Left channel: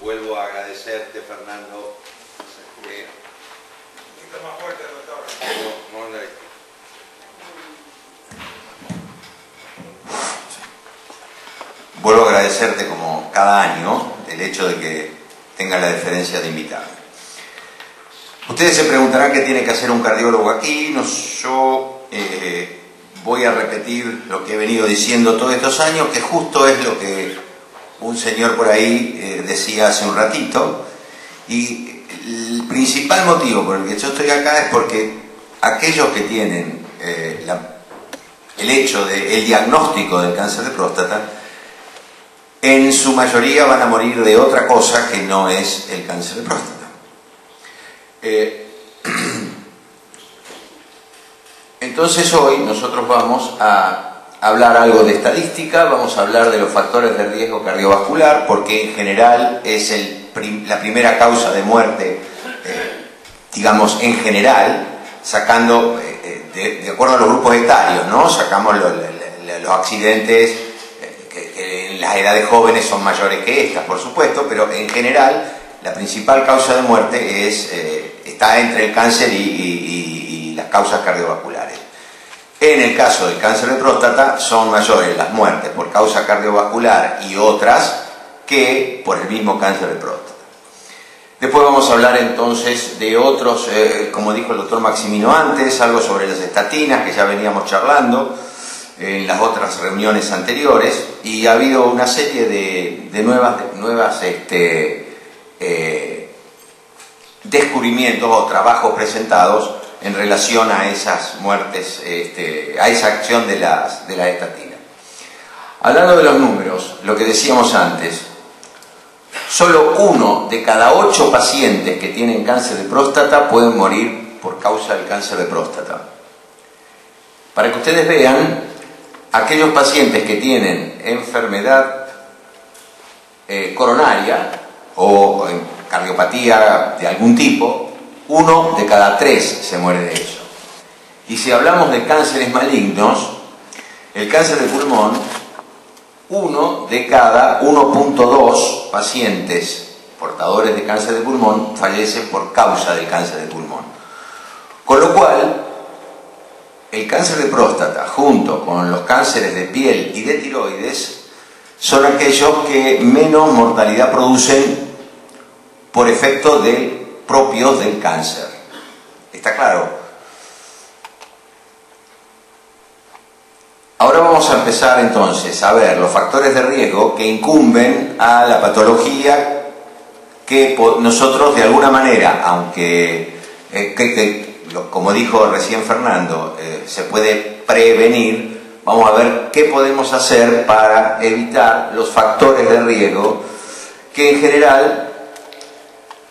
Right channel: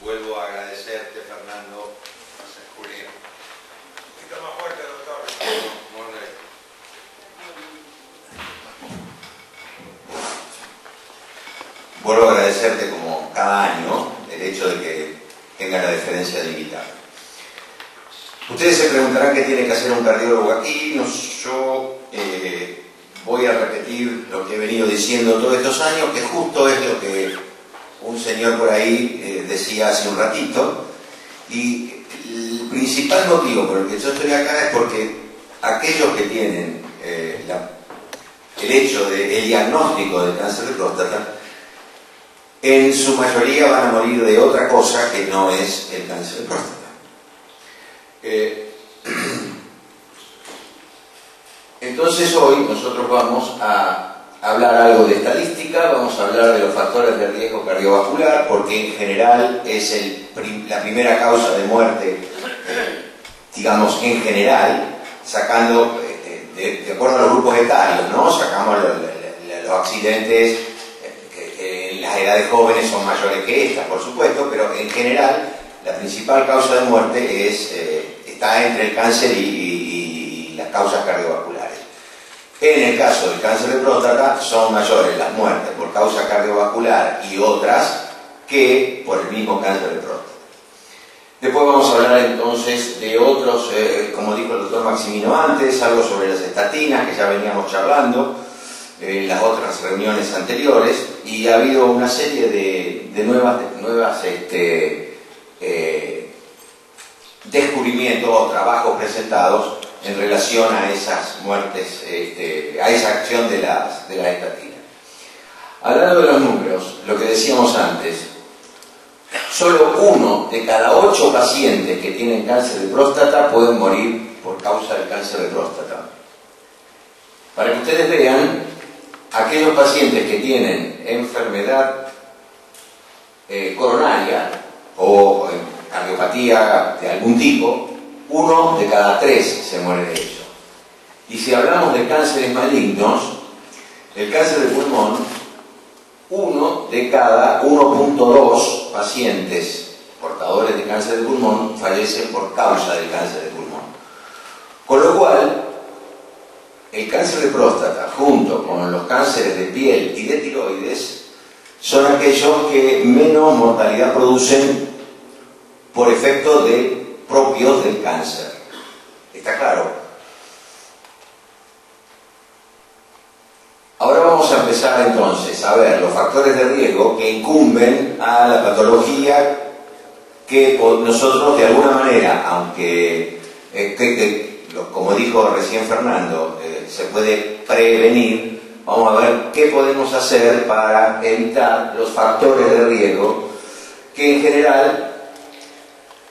Vuelvo a agradecerte, Fernando. Más fuerte, doctor. Vuelvo a agradecerte como cada año el hecho de que tenga la deferencia de invitarme. Ustedes se preguntarán qué tiene que hacer un cardiólogo aquí. Yo voy a repetir lo que he venido diciendo todos estos años, que justo es lo que un señor por ahí decía hace un ratito. Y el principal motivo por el que yo estoy acá es porque aquellos que tienen el hecho del diagnóstico del cáncer de próstata, en su mayoría van a morir de otra cosa que no es el cáncer de próstata. Entonces hoy nosotros vamos a hablar algo de estadística, vamos a hablar de los factores de riesgo cardiovascular, porque en general es la primera causa de muerte, digamos en general, sacando, de acuerdo a los grupos etarios, ¿no? Sacamos los accidentes que en las edades jóvenes son mayores que estas, por supuesto, pero en general la principal causa de muerte está entre el cáncer y las causas cardiovasculares. En el caso del cáncer de próstata son mayores las muertes por causa cardiovascular y otras que por el mismo cáncer de próstata. Después vamos a hablar entonces de otros, como dijo el doctor Maximino antes, algo sobre las estatinas que ya veníamos charlando en las otras reuniones anteriores, y ha habido una serie de nuevas descubrimientos o trabajos presentados en relación a esas muertes, a esa acción de las estatinas. Hablando de los números, lo que decíamos antes, solo 1 de cada 8 pacientes que tienen cáncer de próstata pueden morir por causa del cáncer de próstata. Para que ustedes vean, aquellos pacientes que tienen enfermedad coronaria o cardiopatía de algún tipo, 1 de cada 3 se muere de ello. Y si hablamos de cánceres malignos, el cáncer de pulmón, 1 de cada 1.2 pacientes portadores de cáncer de pulmón fallecen por causa del cáncer de pulmón. Con lo cual, el cáncer de próstata, junto con los cánceres de piel y de tiroides, son aquellos que menos mortalidad producen por efecto propios del cáncer. ¿Está claro? Ahora vamos a empezar entonces a ver los factores de riesgo que incumben a la patología que nosotros de alguna manera, aunque como dijo recién Fernando, se puede prevenir. Vamos a ver qué podemos hacer para evitar los factores de riesgo que en general,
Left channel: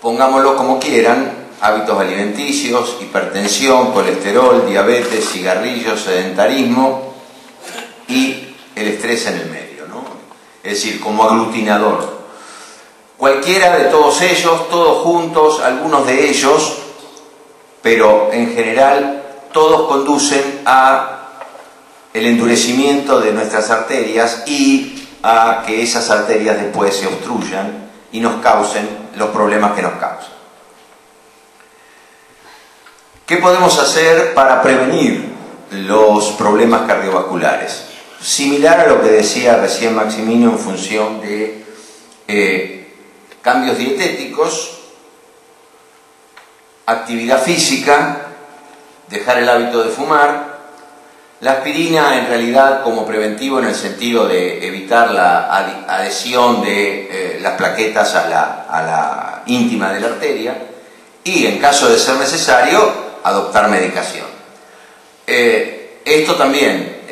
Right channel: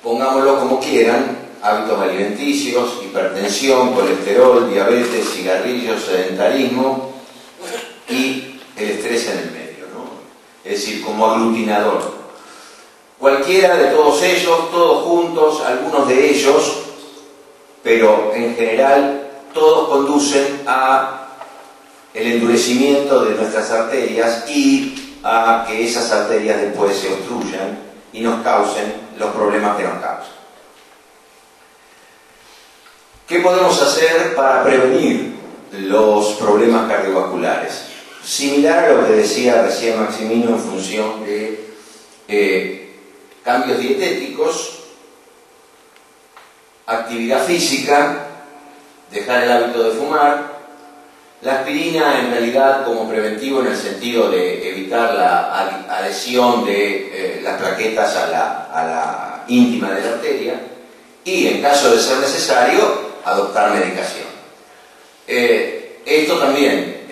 pongámoslo como quieran, hábitos alimenticios, hipertensión, colesterol, diabetes, cigarrillos, sedentarismo y el estrés en el medio, ¿no? Es decir, como aglutinador. Cualquiera de todos ellos, todos juntos, algunos de ellos, pero en general todos conducen a el endurecimiento de nuestras arterias y a que esas arterias después se obstruyan y nos causen los problemas que nos causan. ¿Qué podemos hacer para prevenir los problemas cardiovasculares? Similar a lo que decía recién Maximino en función de cambios dietéticos, actividad física, dejar el hábito de fumar. La aspirina en realidad como preventivo en el sentido de evitar la adhesión de las plaquetas a la íntima de la arteria, y en caso de ser necesario adoptar medicación. Esto también,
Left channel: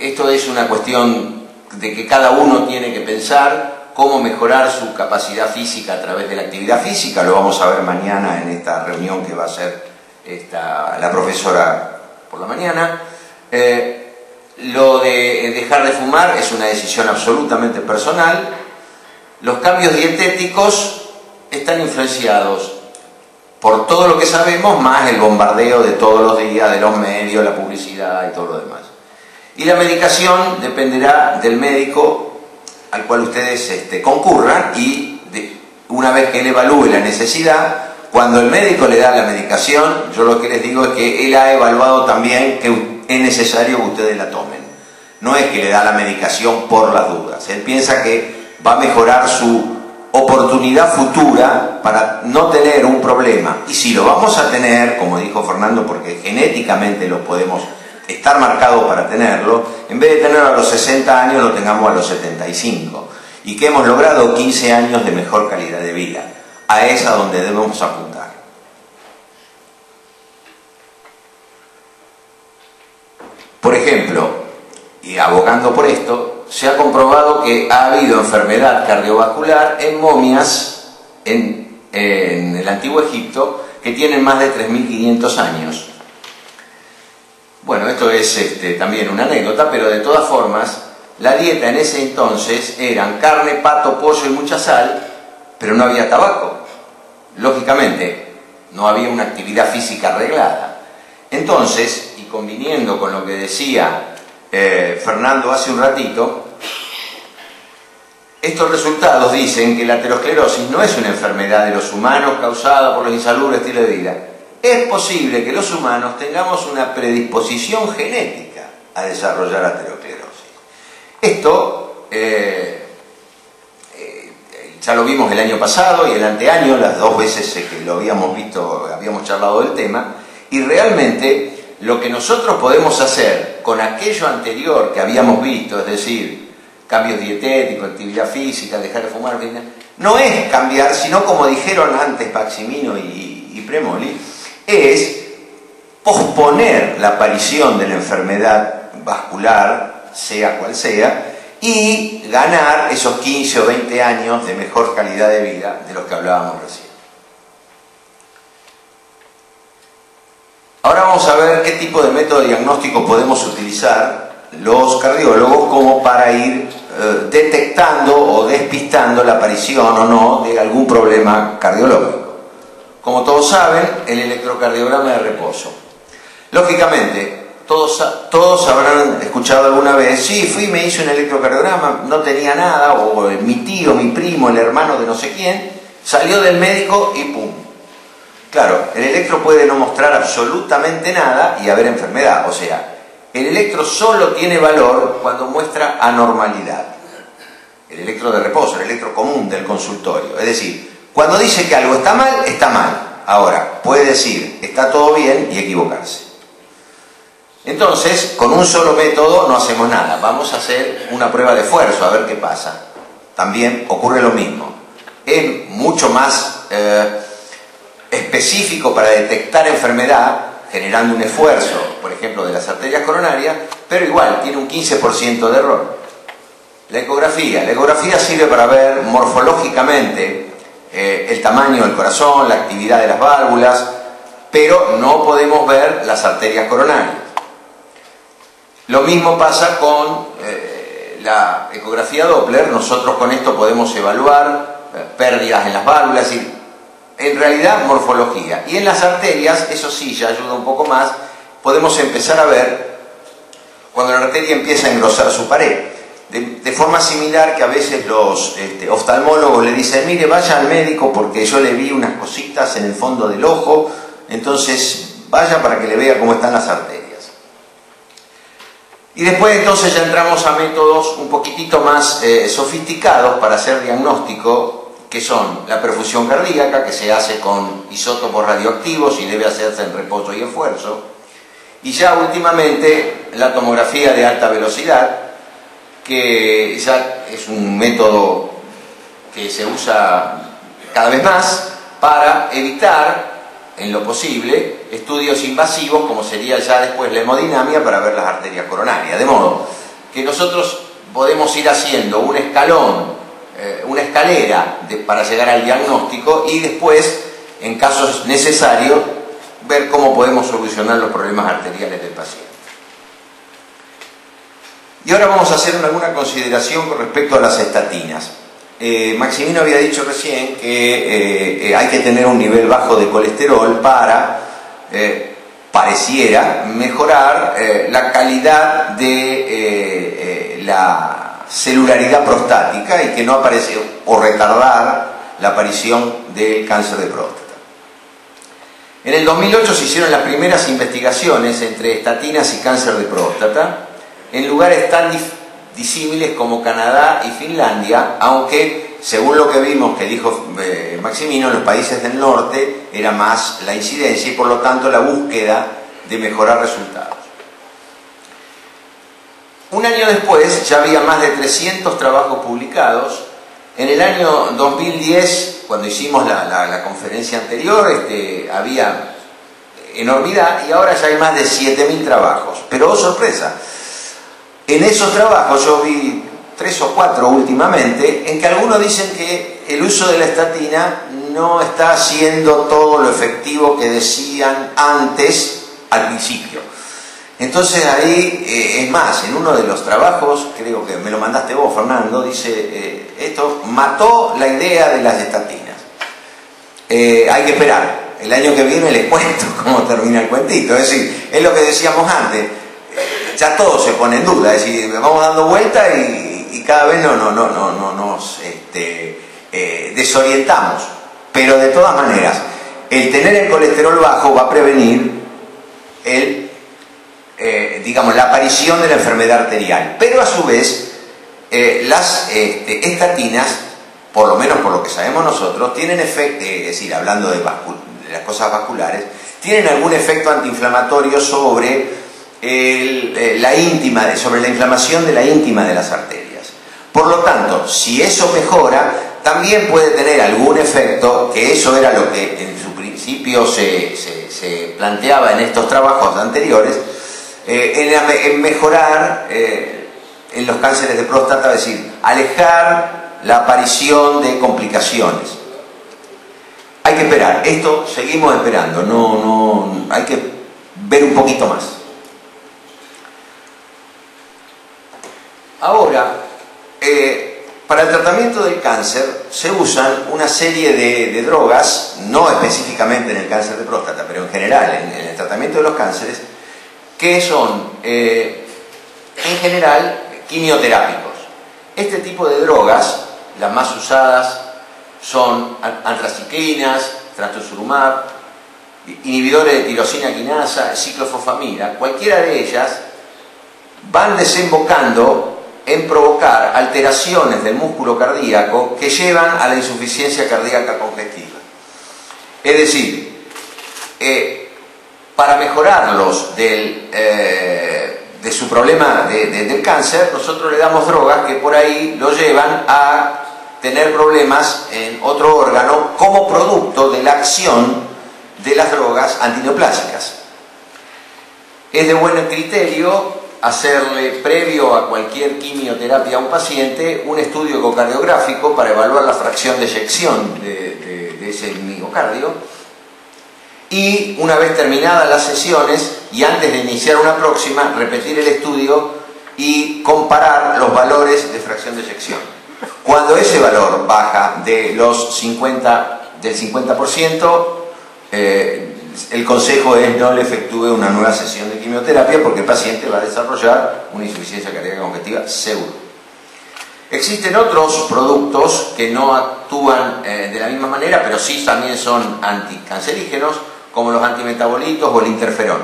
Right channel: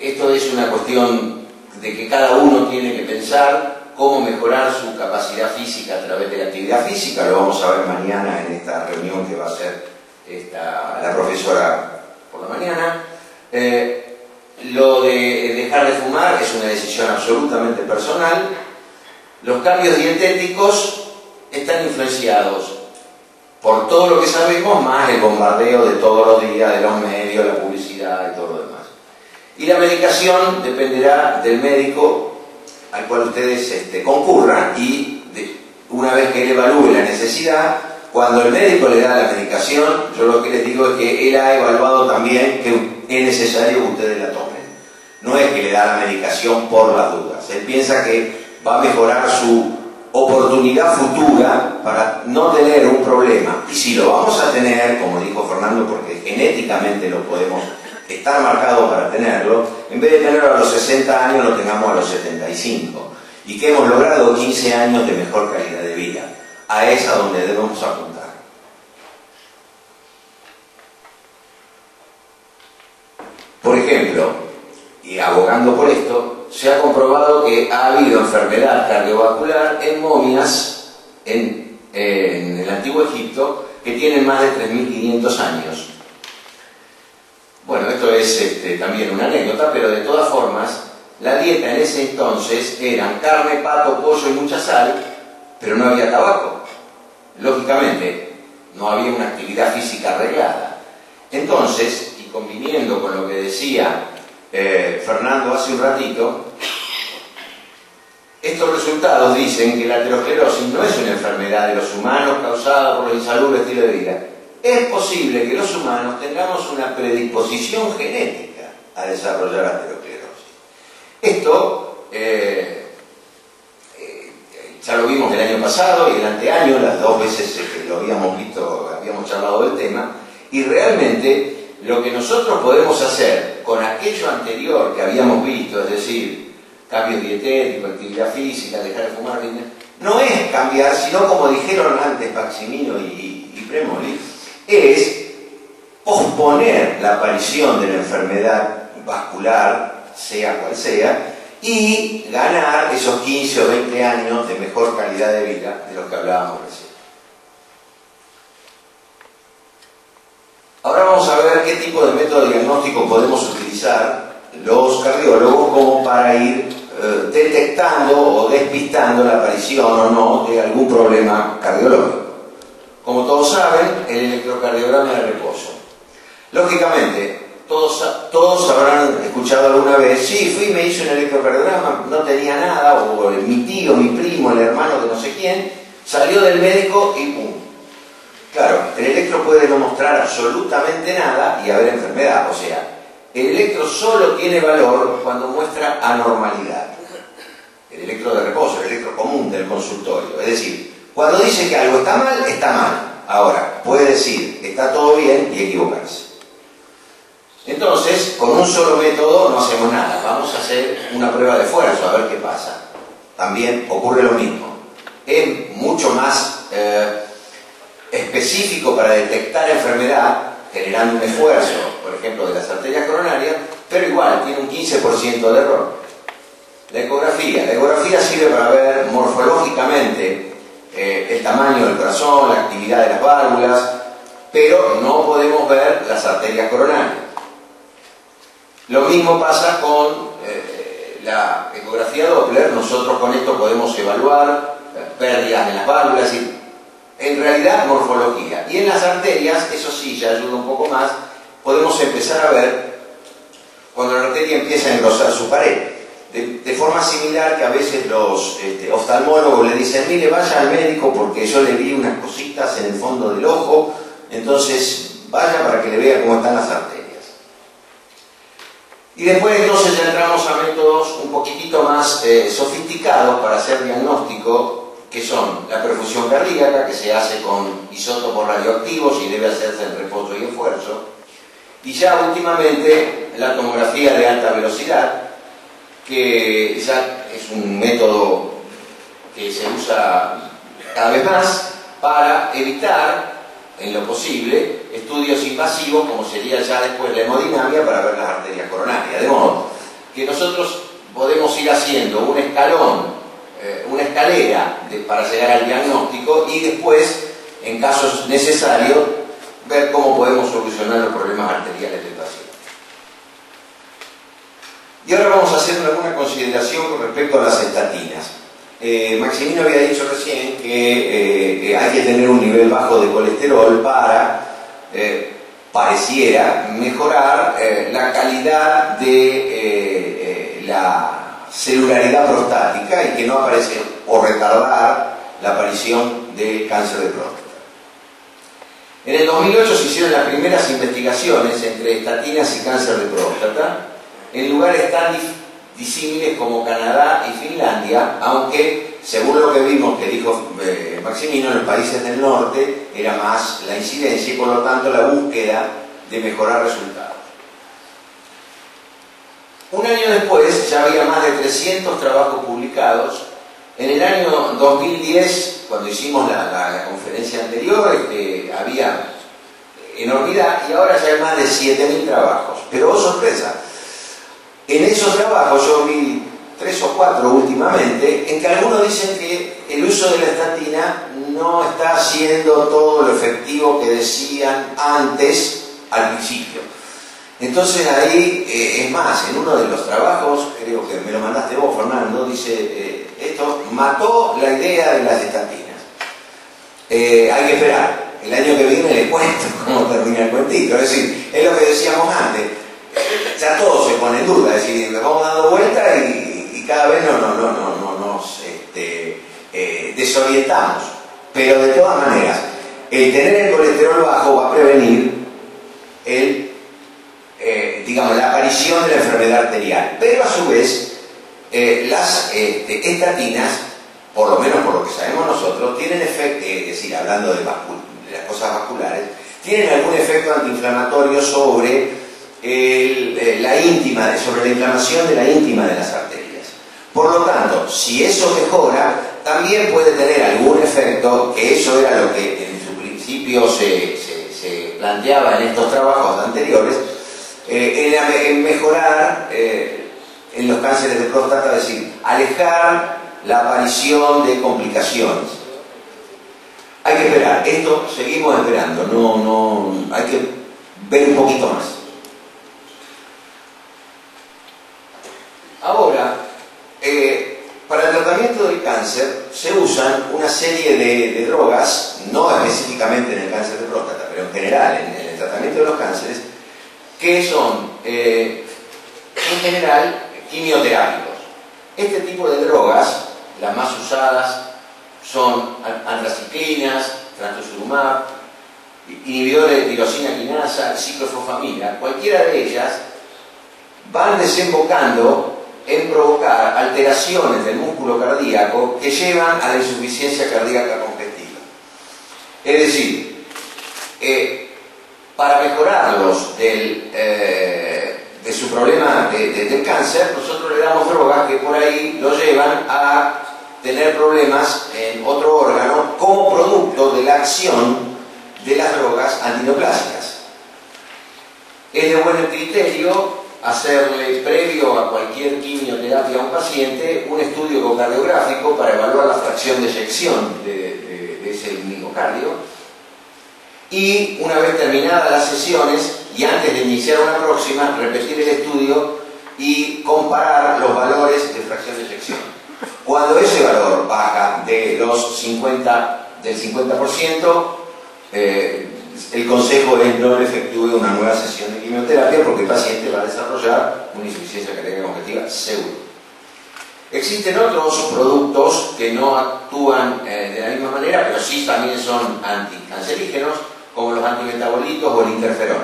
esto es una cuestión de que cada uno tiene que pensar cómo mejorar su capacidad física a través de la actividad física. Lo vamos a ver mañana en esta reunión que va a hacer la profesora por la mañana. Lo de dejar de fumar es una decisión absolutamente personal. Los cambios dietéticos están influenciados por todo lo que sabemos, más el bombardeo de todos los días, de los medios, la publicidad y todo lo demás. Y la medicación dependerá del médico al cual ustedes concurran, y una vez que él evalúe la necesidad, cuando el médico le da la medicación, yo lo que les digo es que él ha evaluado también que es necesario que ustedes la tomen. No es que le da la medicación por las dudas. Él piensa que va a mejorar su oportunidad futura para no tener un problema. Y si lo vamos a tener, como dijo Fernando, porque genéticamente lo podemos estar marcado para tenerlo, en vez de tenerlo a los 60 años, lo tengamos a los 75. Y que hemos logrado 15 años de mejor calidad de vida. A esa donde debemos apuntar. Por ejemplo, y abogando por esto, se ha comprobado que ha habido enfermedad cardiovascular en momias en el Antiguo Egipto que tienen más de 3.500 años. Bueno, esto es también una anécdota, pero de todas formas, la dieta en ese entonces eran carne, pato, pollo y mucha sal, pero no había tabaco. Lógicamente, no había una actividad física arreglada. Entonces, y conviniendo con lo que decía Fernando hace un ratito, estos resultados dicen que la aterosclerosis no es una enfermedad de los humanos causada por los insalubres estilo de vida. Es posible que los humanos tengamos una predisposición genética a desarrollar aterosclerosis. Esto ya lo vimos el año pasado y el anteaño, las dos veces que lo habíamos visto, habíamos charlado del tema, y realmente lo que nosotros podemos hacer con aquello anterior que habíamos visto, es decir, cambios dietéticos, actividad física, dejar de fumar, no es cambiar, sino como dijeron antes Maximino y Premoli, es posponer la aparición de la enfermedad vascular, sea cual sea, y ganar esos 15 o 20 años de mejor calidad de vida de los que hablábamos recién. Ahora vamos a ver qué tipo de método diagnóstico podemos utilizar los cardiólogos como para ir detectando o despistando la aparición o no de algún problema cardiológico. Como todos saben, el electrocardiograma de reposo. Lógicamente, todos habrán escuchado alguna vez, sí, fui y me hice un electrocardiograma, no tenía nada, o mi tío, mi primo, el hermano de no sé quién, salió del médico y ¡pum! Claro, el electro puede no mostrar absolutamente nada y haber enfermedad, o sea, el electro solo tiene valor cuando muestra anormalidad. El electro de reposo, el electro común del consultorio, es decir, cuando dice que algo está mal, está mal. Ahora, puede decir, está todo bien y equivocarse. Entonces, con un solo método no hacemos nada. Vamos a hacer una prueba de esfuerzo, a ver qué pasa. También ocurre lo mismo. Es mucho más específico para detectar enfermedad, generando un esfuerzo, por ejemplo, de las arterias coronarias, pero igual tiene un 15% de error. La ecografía sirve para ver morfológicamente el tamaño del corazón, la actividad de las válvulas, pero no podemos ver las arterias coronarias. Lo mismo pasa con la ecografía Doppler. Nosotros con esto podemos evaluar pérdidas en las válvulas y en realidad morfología. Y en las arterias, eso sí, ya ayuda un poco más, podemos empezar a ver cuando la arteria empieza a engrosar su pared. De forma similar que a veces los oftalmólogos le dicen, mire, vaya al médico porque yo le vi unas cositas en el fondo del ojo, entonces vaya para que le vea cómo están las arterias. Y después entonces ya entramos a métodos un poquitito más sofisticados para hacer diagnóstico, que son la perfusión cardíaca, que se hace con isótopos radioactivos y debe hacerse en reposo y esfuerzo, y ya últimamente la tomografía de alta velocidad, que ya es un método que se usa cada vez más para evitar, en lo posible, estudios invasivos como sería ya después la hemodinamia para ver las arterias coronarias. De modo que nosotros podemos ir haciendo un escalón, una escalera para llegar al diagnóstico y después, en casos necesarios, ver cómo podemos solucionar los problemas arteriales del paciente. Y ahora vamos a hacer alguna consideración con respecto a las estatinas. Maximino había dicho recién que hay que tener un nivel bajo de colesterol para, pareciera, mejorar la calidad de la celularidad prostática y que no aparece, o retardar la aparición del cáncer de próstata. En el 2008 se hicieron las primeras investigaciones entre estatinas y cáncer de próstata en lugares tan disímiles como Canadá y Finlandia, aunque según lo que vimos que dijo Maximino, en los países del norte era más la incidencia y por lo tanto la búsqueda de mejorar resultados. Un año después ya había más de 300 trabajos publicados. En el año 2010, cuando hicimos la conferencia anterior, había enormidad y ahora ya hay más de 7.000 trabajos. Pero, oh sorpresa, en esos trabajos yo vi 3 o 4 últimamente, en que algunos dicen que el uso de la estatina no está siendo todo lo efectivo que decían antes, al principio. Entonces ahí, es más, en uno de los trabajos, creo que me lo mandaste vos, Fernando, dice, esto mató la idea de las estatinas. Hay que esperar, el año que viene les cuento cómo termina el cuentito, es decir, es lo que decíamos antes, ya todo se pone en duda, es decir, vamos dando vuelta y cada vez nos desorientamos, pero de todas maneras, el tener el colesterol bajo va a prevenir digamos, la aparición de la enfermedad arterial, pero a su vez las estatinas, por lo menos por lo que sabemos nosotros, tienen efecto, es decir, hablando de las cosas vasculares, tienen algún efecto antiinflamatorio sobre la inflamación de la íntima de las arterias. Por lo tanto, si eso mejora, también puede tener algún efecto, que eso era lo que en su principio se planteaba en estos trabajos anteriores, en mejorar en los cánceres de próstata, es decir, alejar la aparición de complicaciones. Hay que esperar, esto seguimos esperando, hay que ver un poquito más. Ahora, para el tratamiento del cáncer se usan una serie de drogas, no específicamente en el cáncer de próstata, pero en general en el tratamiento de los cánceres, que son, en general, quimioterápicos. Este tipo de drogas, las más usadas, son antraciclinas, trastuzumab, inhibidores de tirosina quinasa, ciclofosfamida. Cualquiera de ellas van desembocando en provocar alteraciones del músculo cardíaco que llevan a la insuficiencia cardíaca congestiva. Es decir, para mejorarlos de su problema del cáncer, nosotros le damos drogas que por ahí lo llevan a tener problemas en otro órgano como producto de la acción de las drogas antineoplásicas. Es de buen criterio hacerle, previo a cualquier quimioterapia a un paciente, un estudio ecocardiográfico para evaluar la fracción de eyección de ese miocardio. Y una vez terminadas las sesiones y antes de iniciar una próxima, repetir el estudio y comparar los valores de fracción de eyección. Cuando ese valor baja de del 50%, el consejo es no le efectúe una nueva sesión de quimioterapia porque el paciente va a desarrollar una insuficiencia cardíaca congestiva seguro. Existen otros productos que no actúan de la misma manera, pero sí también son anticancerígenos, como los antimetabolitos o el interferón.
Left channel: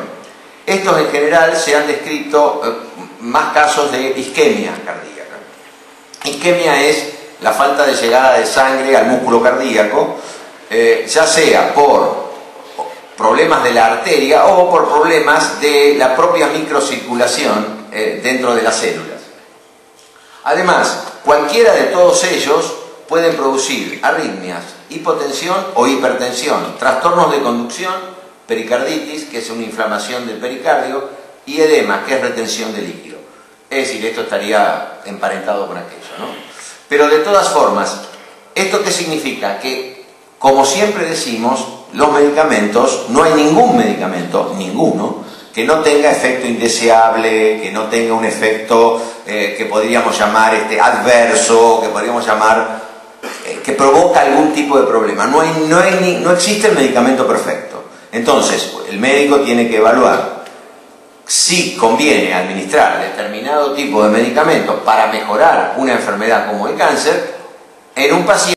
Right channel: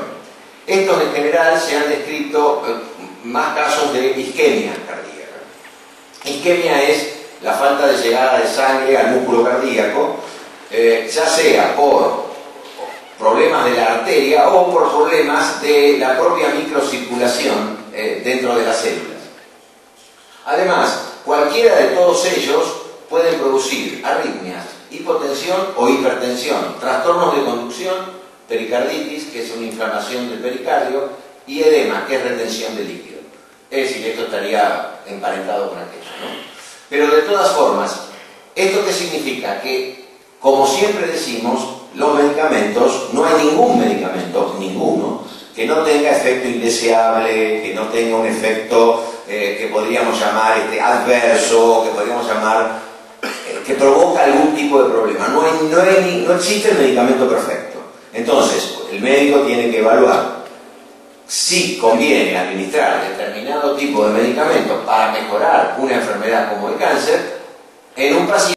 Estos en general se han descrito más casos de isquemia cardíaca. Isquemia es la falta de llegada de sangre al músculo cardíaco, ya sea por problemas de la arteria o por problemas de la propia microcirculación dentro de las células. Además, cualquiera de todos ellos pueden producir arritmias, hipotensión o hipertensión, trastornos de conducción, pericarditis, que es una inflamación del pericardio, y edema, que es retención de líquido. Es decir, esto estaría emparentado con aquello, ¿no? Pero de todas formas, ¿esto qué significa? Que, como siempre decimos, los medicamentos, no hay ningún medicamento, ninguno, que no tenga efecto indeseable, que no tenga un efecto que podríamos llamar adverso, que podríamos llamar que provoca algún tipo de problema. No existe el medicamento perfecto. Entonces, el médico tiene que evaluar si conviene administrar determinado tipo de medicamento para mejorar una enfermedad como el cáncer en un paciente